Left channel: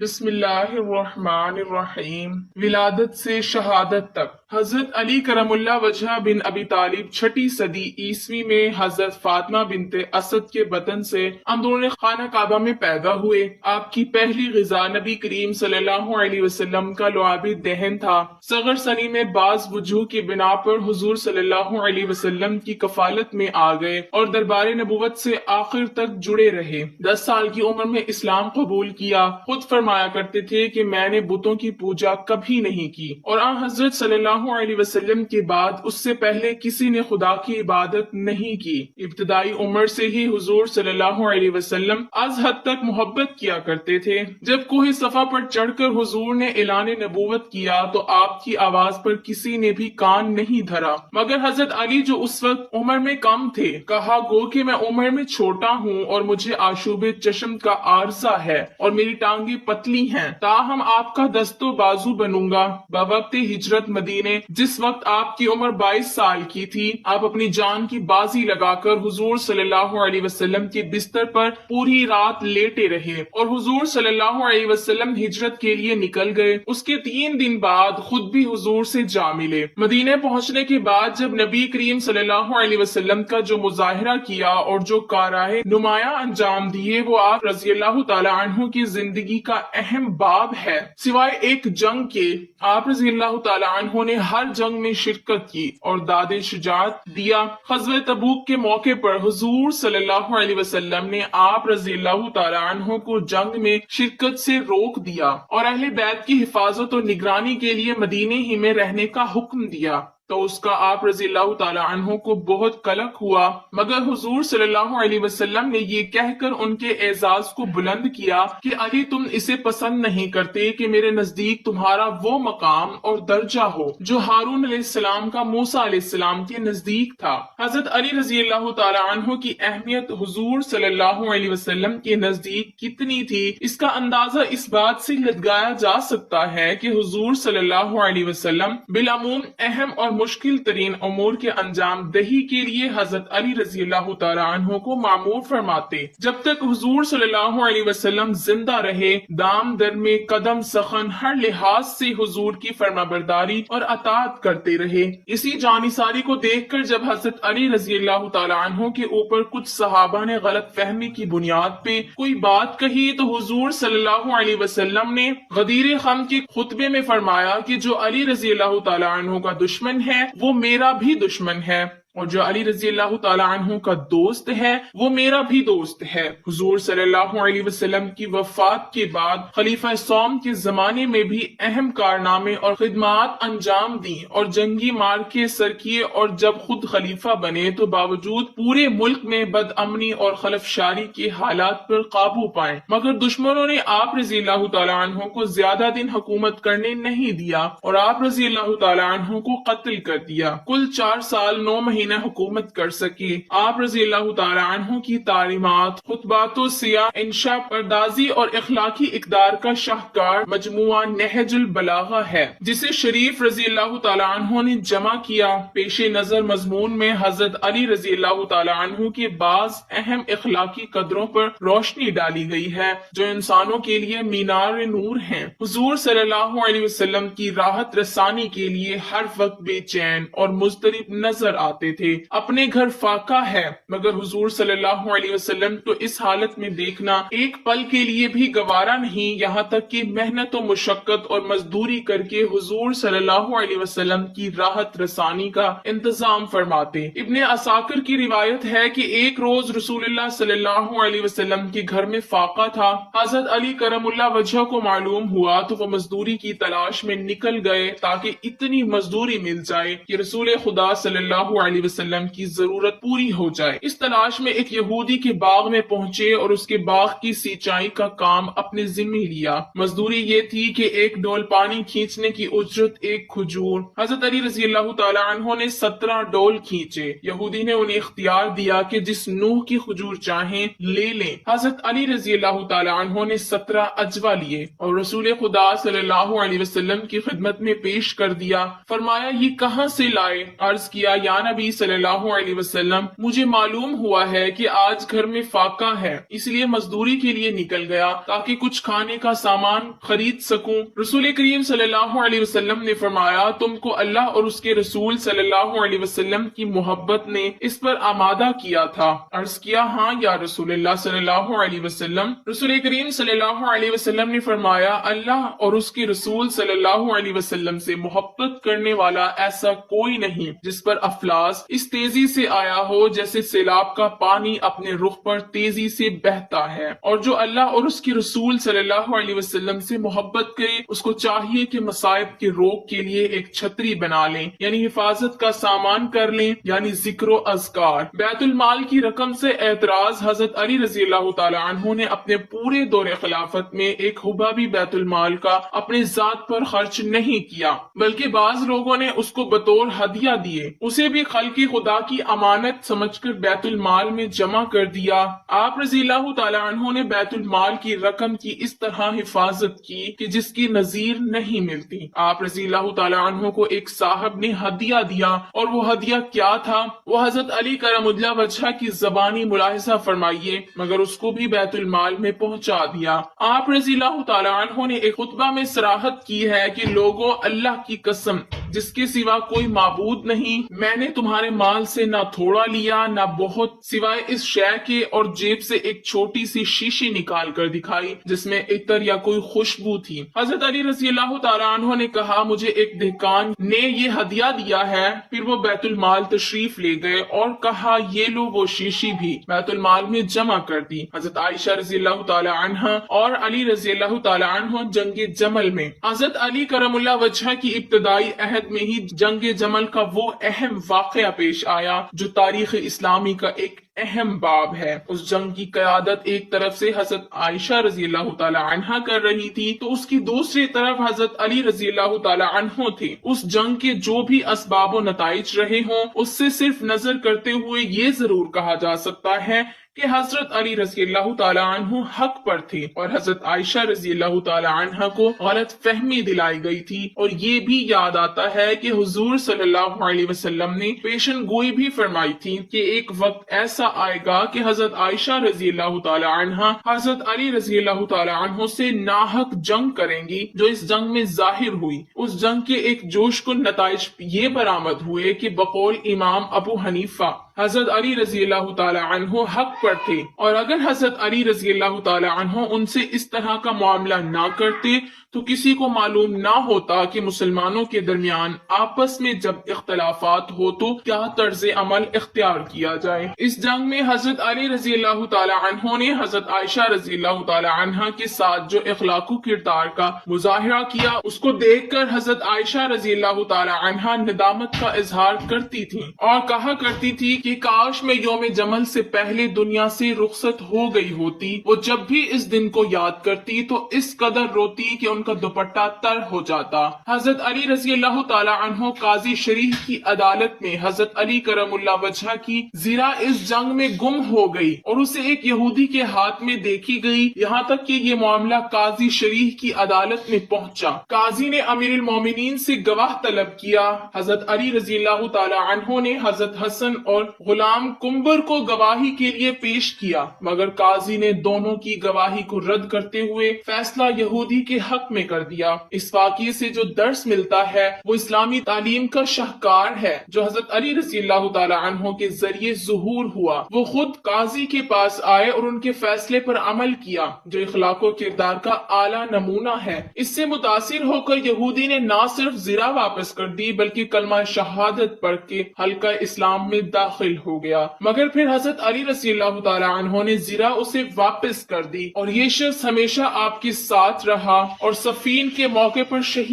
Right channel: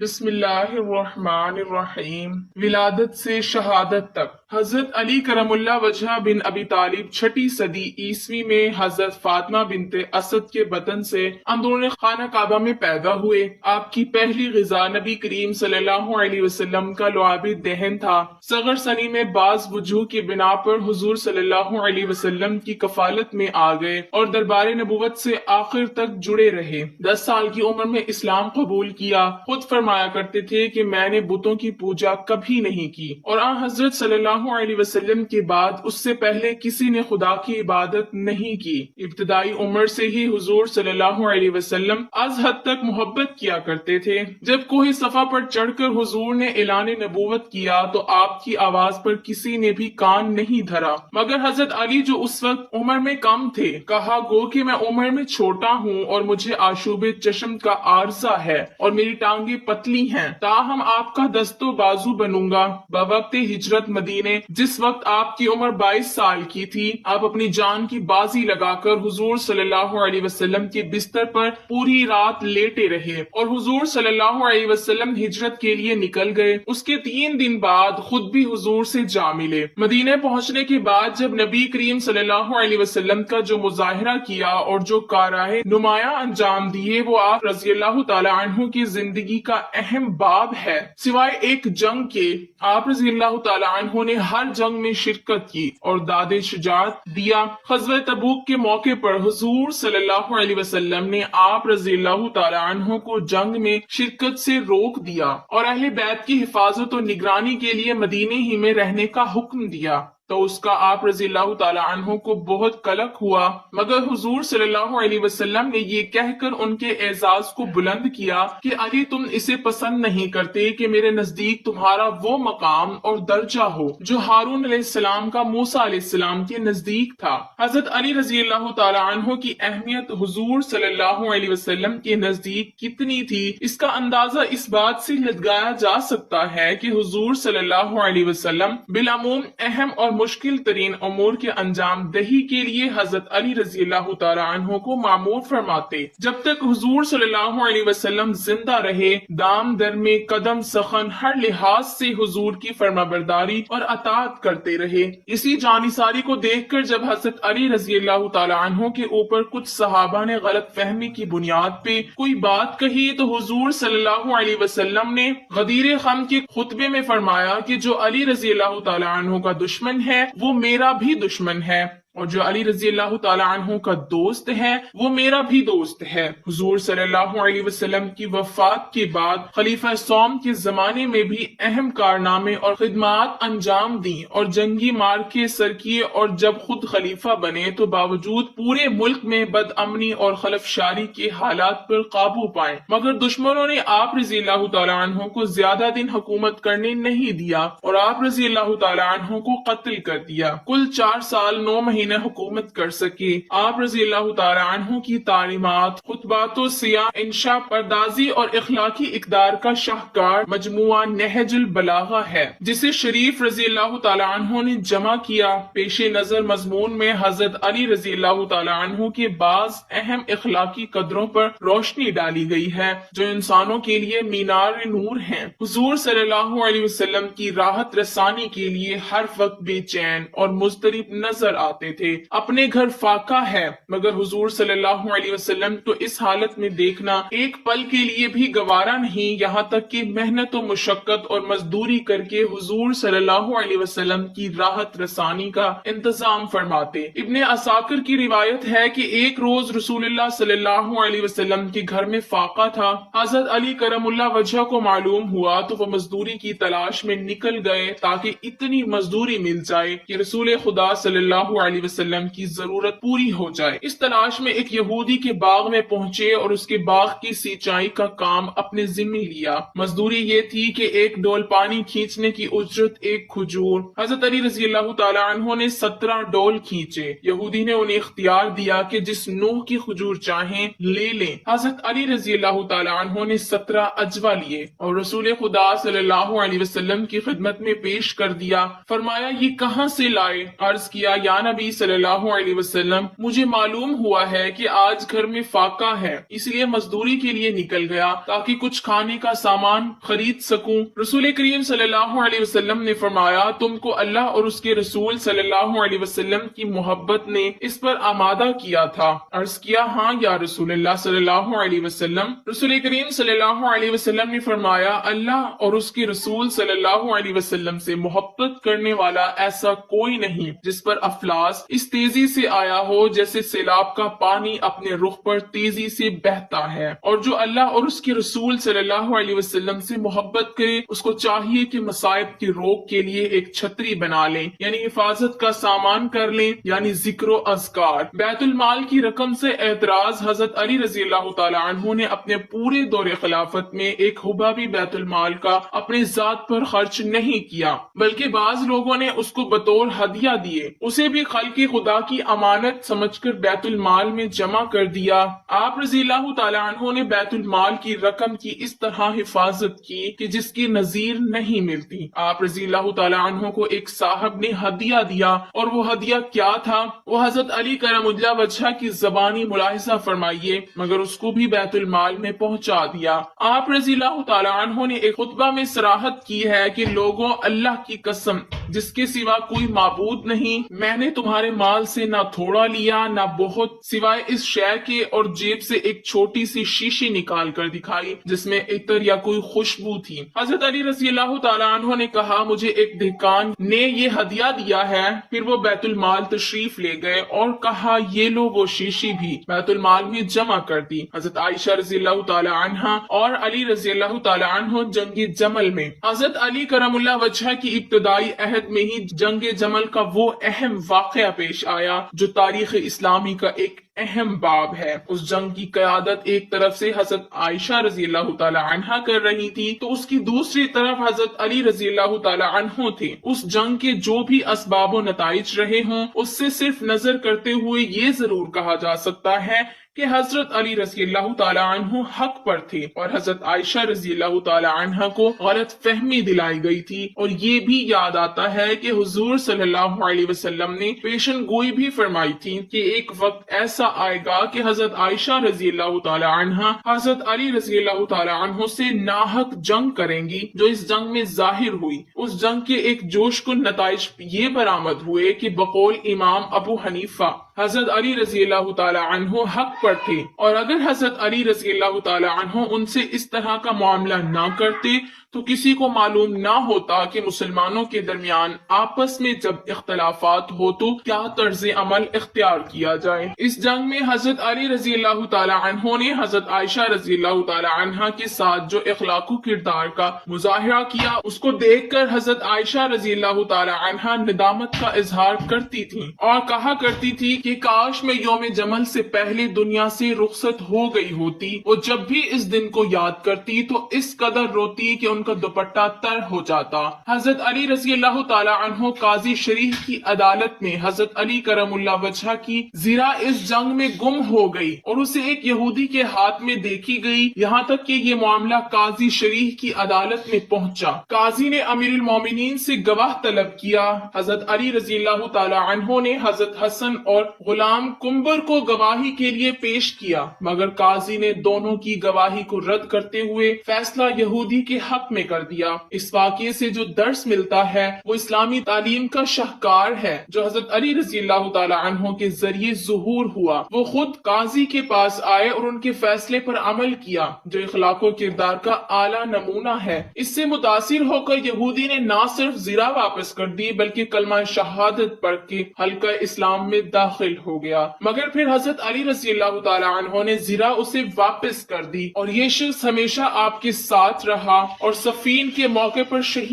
بسم اللہ الرحمن الرحیم۔ ولادت سے شہادت تک حضرت علی کرم اللہ وجہ بن ابی طالب چھٹی صدی عیسوی میں حضرت فاطمہ بنت اسد کے بطن سے اندرون خانہ کعبہ میں پیدا ہوئے۔ آپ کی پہلی غذا نبی کریم صلی اللہ علیہ وسلم کا لعاب دہن تھا۔ صغر سنی میں بعض وجوہ کی بنا پر حضور صلی اللہ علیہ وسلم کی کفالت میں آ گئے اور دربار نبوت سے آخر تک جڑے رہے۔ 10 سال کی عمر میں اسلام قبول کیا۔ خود فرمایا کرتے تھے کہ میں نے بتوں کی پوجا کبھی نہیں کی، اور آن حضرت صلی اللہ علیہ وسلم کے بعد اس سے پہلے کسی نے خدا کی عبادت نہیں کی۔ ابتدائی عمر سے ہی حضور صلی اللہ علیہ وسلم از حد تک محبت کیا کرتے تھے۔ جب کوہ صفا پر چڑھ کر حضور نے اعلان نبوت کیا تو آپ کی آواز پر کسی نے بھی کان نہیں دھرا، مگر حضرت علی جو اس وقت عمر میں کم تھے، کہا گو کہ میں عمر میں چھوٹا ہوں اور مجھے آشوب چشم کا عارضہ ہے اور میری ٹانگیں پتلی ہیں، تاہم آپ کا دست و بازو بنوں گا۔ بوقت ہجرت مدینے جس وقت آپ کی عمر 22 سال کی تھی، آپ اپنی جان کی بازی لگا کر حضور صلی اللہ علیہ وسلم کے بستر پر پوری رات لیٹے رہے اور حضور صلی اللہ علیہ وسلم ہجرت کے لیے نکل گئے۔ اس کے 3 دن بعد خود بھی حضور سے جا ملے۔ مدینے پہنچنے کے بعد جب نبی کریم صلی اللہ علیہ وسلم کا جو مظاہرہ کیا اور جو کارائے نمایاں انجام دیے، وہ آپ رضی اللہ تعالی عنہ کی زندگی کا اہم باب ہے۔ سوائے ایک جنگ کے، آپ رضی اللہ تعالی عنہ نے ہر جنگ میں شرکت کی اور داد شجاعت دیا۔ غزوہ تبوک کے موقع پر حضور صلی اللہ علیہ وسلم نے آپ رضی اللہ تعالی عنہ کو جنگ میں شرکت سے روک دیا اور اہل بیت کی حفاظت اور نگرانی کے لیے مدینے ہی میں رہنے کا حکم دیا، تو اس کا آپ رضی اللہ تعالی عنہ کو بہت قلق ہوا، مگر حضور صلی اللہ علیہ وسلم نے یہ کہہ کر ان کے اعزاز کو بلند کیا کہ علی تم اسے پسند نہیں کرتے کہ میرے نزدیک تمہارا وہ مقام اور درجہ ہو جو ہارون علیہ السلام کا موسیٰ علیہ السلام کے نزدیک تھا۔ حضرت علی رضی اللہ تعالی عنہ کی اہمیت حضور صلی اللہ علیہ وسلم کے نزدیک کتنی تھی، اس کا اندازہ اس بات سے لگایا جا سکتا ہے کہ حضور صلی اللہ علیہ وسلم بالعموم اہم اور مشکل ترین امور کے انجام دہی کے لیے حضرت علی رضی اللہ تعالی عنہ کو معمور فرماتے۔ جب تک حضور صلی اللہ علیہ وسلم زندہ رہے، دام در میں قدم سخن ہر لحاظ سے حضور کی فرمانبرداری اور اطاعت کرتے رہے۔ اسی جانثاری کو دیکھ کر جب حضرت علی رضی اللہ تعالی عنہ کے اوپر کچھ صحابہ نے غلط فہمی کی بنیاد پہ کوئی بات کہی تو حضور صلی اللہ علیہ وسلم نے غدیر خم کے خطبے میں فرمایا کہ جو علی رضی اللہ تعالی عنہ کا دشمن ہے وہ میرا بھی دشمن ہے، اور جو علی رضی اللہ تعالی عنہ کا دوست ہے وہ میرا بھی دوست ہے۔ حضور صلی اللہ علیہ وسلم کی وفات کے بعد خلیفہ سوم کے زمانے میں بھی اہم کارنامے اور خدمات انجام دی اور جنگی مارکے سر کیے، اور جب خود خلیفہ بنے تو باوجود پورے ملک میں بد امنی اور خلفشاری کے حالات پر قابو پائے، مگر دشمنوں نے آپ رضی اللہ تعالی عنہ کو زیادہ دن حکومت کرنے نہیں دیا اور آپ رضی اللہ تعالی عنہ کو قتل کر دیا۔ کل 4 سال 9 مہینے حکومت کر سکے۔ آپ رضی اللہ تعالی عنہ کی تعلیمات، خطبات و سیاح، انشاء پردازی اور اخلاقی اقدار کا شاہکار مجموعہ نہج البلاغہ ہے، جسے شریف رضی اللہ تعالی عنہ نے جمع کیا۔ پیش نظر مضمون میں حضرت علی رضی اللہ تعالی عنہ کے بعض اہم اخلاقی قدروں پر روشنی ڈالی گئی ہے جو انسانوں کے لیے مینار نور ہیں۔ حضور صلی اللہ علیہ وسلم کی راحت رسانی کے لیے ہر وقت بے چین اور مضطرب نظر آتے تھے۔ اپنے گھر فاقہ ہے، مگر حضور صلی اللہ علیہ وسلم تو اس حالت میں دیکھنا ایک پل کے لیے بھی گوارا نہیں، یہاں تک کہ محنت و مشقت اور مزدوری کر کے حضور صلی اللہ علیہ وسلم کی راحت رسانی کا انتظام فرماتے۔ ابن عساکر کی روایت ہے کہ ایک روز رسول اللہ صلی اللہ علیہ وسلم کے گھر میں فاقہ تھا۔ حضرت علی کرم اللہ وجہ کو معلوم ہوا تو وہ مزدوری کی تلاش میں نکل گئے تاکہ اتنی مزدوری مل جائے کہ رسول خدا صلی اللہ علیہ وسلم کی ضرورت پوری ہو جائے۔ اس تلاش میں ایک یہودی کے باغ میں پہنچے اور اس کے باغ کی سینچائی کا کام اپنے ذمہ لیا۔ مزدوری یہ تھی کہ ایک ڈول پانی کھینچنے کی اجرت 1 کھجور۔ حضرت علی رضی اللہ تعالی عنہ نے 17 ڈول کھینچے۔ یہودی نے انہیں اختیار دیا کہ جس نوع کی کھجور چاہیں لے لیں۔ حضرت علی رضی اللہ تعالی عنہ نے 17 اجوا لیے اور رسول خدا صلی اللہ علیہ وسلم کی خدمت میں پیش کر دیا۔ فرمایا یہ کہاں سے لائے؟ عرض کیا یا نبی نبی صلی اللہ علیہ وسلم مجھے معلوم ہوا ہے کہ آج گھر میں فاقہ ہے، اس لیے مزدوری کے لیے نکل گیا تاکہ کچھ کھانے کا سامان خرید سکوں۔ رسول کریم صلی اللہ علیہ وسلم نے فرمایا تم کو اللہ اور اس کے رسول صلی اللہ علیہ وسلم کی محبت نے اس پر آمادہ کیا تھا۔ عرض کیا ہاں یا رسول اللہ صلی اللہ علیہ وسلم۔ رسول کریم صلی اللہ علیہ وسلم نے فرمایا اللہ اور اس کے رسول صلی اللہ علیہ وسلم سے محبت کرنے والا ایسا کوئی نہیں جس پر افلاس اس تیزی سے آیا ہو جیسے سیلاب کا پانی اپنے رخ پر تیزی سے بہتا ہے، اور جو اللہ اور اس کے رسول صلی اللہ علیہ وسلم سے محبت کرے اس کو چاہیے کہ مصائب کی روک کے لیے ایک چھتری بنا لیں، یعنی حفاظت کا سامان کر لیں، یعنی ذکر و اذکار۔ بیت المال کی رقم سے اعتراض حضرت علی رضی اللہ تعالی عنہ نے اپنے پورے دور خلافت میں ایک حبہ بھی بیت المال کا اپنی ذات پر خرچ نہیں کیا، بلکہ بعض لوگوں نے اس کو بطور ہدیہ دیے، اسے بھی خلق خدا کی امانت سمجھ کر بیت المال میں جمع کر دیا۔ آپ رضی اللہ تعالی عنہ نے بیت المال کی رقم کی اس طرح حفاظت کی کہ جس کی نظیر نہیں ملتی۔ آپ رضی اللہ تعالی عنہ کو ایک صاحب نے ہدیہ دیا، اور وہ ہدیہ کیا تھا؟ وہ حضرت علی کرم اللہ وجہہ کی زبانی ملاحظہ فرمائیے، مگر اس کو بھی بیت المال میں پہنچا دیا۔ آپ رضی اللہ تعالی عنہ نے ایک خطبہ میں صراحت کی ہے کہ لوگوں، اللہ کی قسم جس کے سوا کوئی معبود نہیں، میں نے تمہارے مال سے نہ تھوڑا لیا نہ بہت، سوائے اس شے کے، اور جیب سے ایک چھوٹی سی شیشی نکال کر دکھائی جس میں عطر یا کوئی خوشبو تھی۔ حضرت علی رضی اللہ تعالی عنہ نے کہا مجھے ایک دہقان نے یہ ہدیہ دیا ہے۔ پھر وہ بیت المال تشریف لے گئے اور کہا یہ لو وہ شیشی بھی بیت المال میں جمع کر دی۔ حضرت عائشہ رضی اللہ تعالی عنہ اور علی رضی اللہ تعالی عنہ جنگ جمل میں، حضرت علی کرم اللہ وجہہ کی ابتدائی عہد میں ہی جنگ جمل کا وہ اہم واقعہ پیش آیا جو تاریخ اسلامی کا ایک اہم باب ہے۔ اس جنگ کی قیادت ایک طرف سے حضرت عائشہ رضی اللہ تعالی عنہا کر رہی تھی تو اس کی دوسری طرف حضرت علی رضی اللہ تعالی عنہ تھے۔ اس جنگ کے جو بھی اسباب و نتائج رہے ہوں اس سے صرف نظر کرتے ہوئے یہ ضرور کہا جا سکتا ہے کہ حضرت علی رضی اللہ تعالی عنہ حق پر تھے اور حضرت عائشہ رضی اللہ تعالی عنہ کو غلط فہمی دلائی گئی تھی۔ اور یہ بھی یاد آتا ہے کہ حضور صلی اللہ علیہ وسلم نے پیشن گوئی بھی فرمائی تھی کہ ایک وقت ایسا آئے گا کہ حضرت عائشہ رضی اللہ تعالی عنہ حضرت علی رضی اللہ تعالی عنہ سے ناحق جنگ کریں گی، جو اس جنگ میں ظاہر ہوئی۔ اس جنگ کے ایک جوش کن نتائج یہ برآمد ہوئے کہ بقول امام ابو حنیفہ حضرت علی رضی اللہ تعالی عنہ حق پر تھے، اور اگر حضرت علی رضی اللہ تعالی عنہ ان سے اس طرح کا معاملہ نہ کرتے تو کسی کو معلوم نہ ہوتا کہ مسلمانوں کے درمیان آپس میں جب اختلافات ہو تو کیا طرز عمل اختیار کیا جائے۔ اس جنگ میں حضرت علی رضی اللہ تعالی عنہ نے حضرت عائشہ رضی اللہ تعالی عنہ کے ساتھ جو اخلاق و کردار کا مظاہرہ کیا اس کو دیکھ کر حضرت عائشہ رضی اللہ تعالی عنہ ندامت کا اظہار کرتی تھی اور کہا کرتی تھی کہ کاش میں یوم جمل سے پہلے دنیا سے رخصت ہو گئی ہوتی۔ وہ جب بھی اس دن کو یاد کرتی تو اس قدر روتی کہ ان کا دوپٹہ تر ہو جاتا۔ حضرت علی رضی اللہ تعالی عنہ قاضی شریح کی عدالت میں حضرت علی کرم اللہ وجہہ کی زرہ اس جنگ میں گم ہو گئی اور اسے ایک یہودی کے ہاتھ میں دیکھی گئی، یہاں تک کہ یہ معاملہ قاضی شریح کی عدالت میں پہنچا۔ قاضی نے امیر المومنین سے گواہ طلب کیا۔ حضرت علی رضی اللہ تعالی عنہ نے حضرت حسن اور غلام کمبر کو گواہی کے لیے پیش کیا، مگر قاضی نے دونوں کی گواہی کو رد کرتے ہوئے فیصلہ یہودی کے حق میں کر دیا۔ اس واقعے سے جو درس ملتا ہے وہ اسلامی تعلیم کا شاہکار ہے جو حضرت علی رضی اللہ تعالی عنہ کے ذریعے ظہور ہوا۔ وہ خود قاضی کے پاس آئے اور ان کے فیصلے پر عمل کیا جو اخلاق و کردار کا اعلیٰ نمونہ ہے۔ اس سے متاثر ہو کر یہودی نے نہ صرف زرہ واپس کر دی بلکہ کلمہ شہادت پڑھ کے حلقہ اسلام میں داخل ہو گیا، مگر پھر حضرت علی رضی اللہ تعالی عنہ نے زرہ اسے واپس کر دی اور یہ شخص ہمیشہ آپ کے ساتھ رہا اور صفین کے موقع پر شہید